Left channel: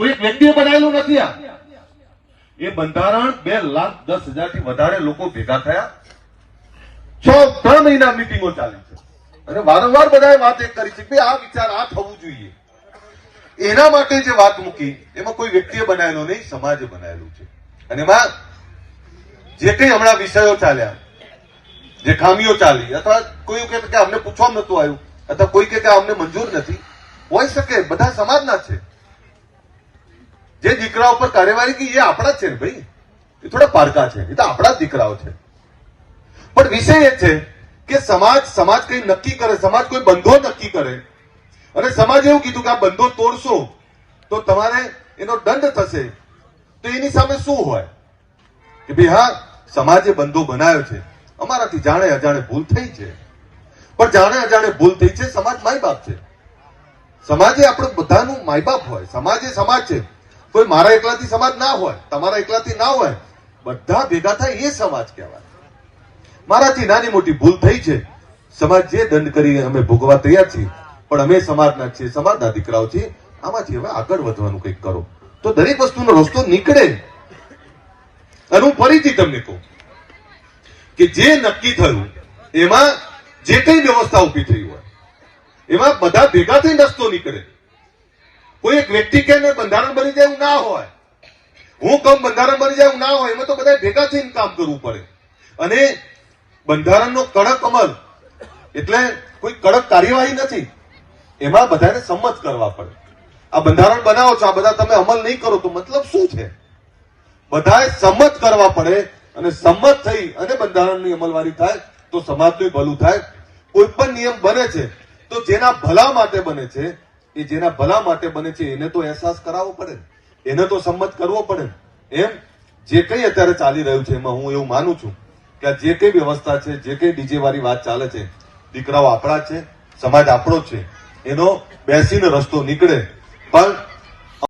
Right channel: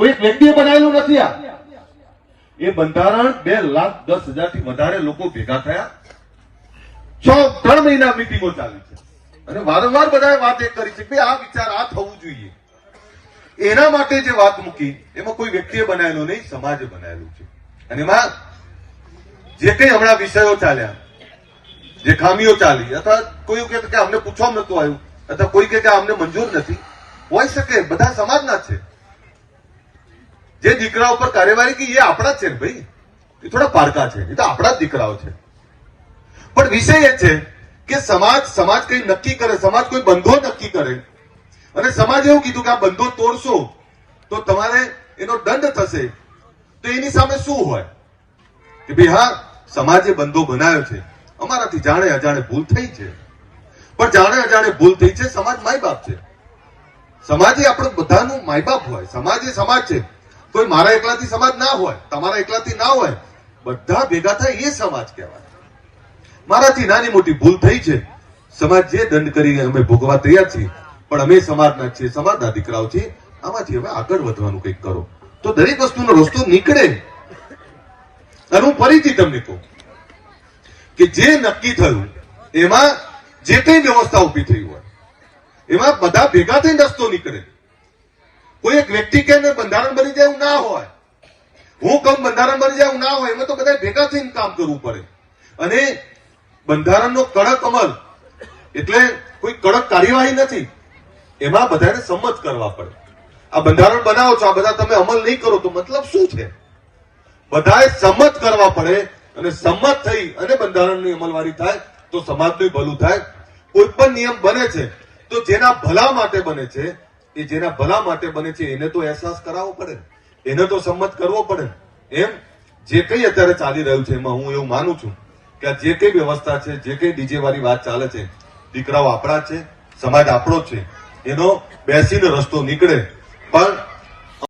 કોઈ એક વ્યક્તિએ બનાવેલું નથી આ. એ બંધારણ બે લાખ દસ હજારથી વધારે લોકો ભેગા થયા. છ ત્રણ મહિના મિટિંગો ચાલી છે. અને વારંવાર બધાએ વાત એક કરી છે કે આ વિચાર આ થવું જોઈએ. એના માટે જે વાત મૂકી, એમાં કોઈ વ્યક્તિએ બનાવેલો નહીં, સમાજે બનાવેલું છે. અને એમાં જે કંઈ હમણાં વિષયો ચાલ્યા, જે ખામીઓ ચાલી, અથવા કોઈ કે અમને પૂછવામાં નતું આવ્યું, અથવા કોઈ કે અમને મંજૂર નથી, હોઈ શકે, બધા સમાજના છે. જે દીકરા ઉપર કાર્યવાહી કરી, એ આપણા જ છે ને ભાઈ? એ થોડા પારકા છે. એ તો આપણા જ દીકરાઓ છે. પણ વિષય એ છે કે સમાજ સમાજ કઈ નક્કી કરે, સમાજ કોઈ બંધો નક્કી કરે. અને સમાજ એવું કીધું કે આ બંધો તોડશો, તો તમારે એનો દંડ થશે. તો એની સામે શું હોય? કે ભાઈ, હા, સમાજે બંધો બનાવ્યો છે. અમારાથી જાણે અજાણે ભૂલ થઈ છે. પણ જાણે અજાણે ભૂલ થઈ છે, સમાજ માય બાપ છે. સમાજે આપણે બધાનું માય બાપ હોય. સમાજ સમાજ છે. કોઈ મારા એકલાથી સમાજ ના હોય, તમારા એકલાથી ના હોય, બધા ભેગા થાય એ સમાજ કહેવાય. મારાથી નાની મોટી ભૂલ થઈ છે. સમાજ જે દંડ કરી અમે ભોગવા તૈયાર છીએ, પણ અમે સમાજના છીએ, સમાજના દીકરાઓ છીએ, આમાંથી હવે આગળ વધવાનું કંઈક કરો. તો દરેક વસ્તુનો રસ્તો નીકળે. અને હું ફરીથી તમને કહું કે જે નક્કી થયું, એમાં જે કઈ વ્યવસ્થા ઊભી થઈ હોય, એમાં બધા ભેગા થઈને રસ્તો નીકળે. કોઈ એક વ્યક્તિ કે બંધારણ બની જાય એવું ના હોય. હું કમ બંધારણ બની જાય એવું ના હોય, એમાં તો બધા ભેગા થઈને કામ કરવું પડે. અને બંધારણનો કડક અમલ, એટલે કોઈ કડક કાર્યવાહી નથી. એમાં બધાને સંમત કરવા પડે. આ બંધારણ બનાવો છો, આ બધા તમે અમલ નહીં કરો તો મતલબ શું છે? બધાએ સંમત કરવા પડે અને સંમત થઈ અને બંધારણની અમલવારી થાય તો સમાજનું ભલું થાય. કોઈ પણ નિયમ બને છે તો જેના ભલા માટે બને છે એ જેના ભલા માટે બને છે, એને તો અહેસાસ કરાવવો પડે. એને તો સંમત કરવો પડે એમ? જે કંઈ અત્યારે ચાલી રહ્યું છે, એમાં હું એવું માનું છું કે આ જે કઈ વ્યવસ્થા છે, જે કઈ ડીજે વાળી વાત ચાલે છે, દીકરાઓ આપણા છે, સમાજ આપણો છે, એનો બેસીને રસ્તો નીકળે. પણ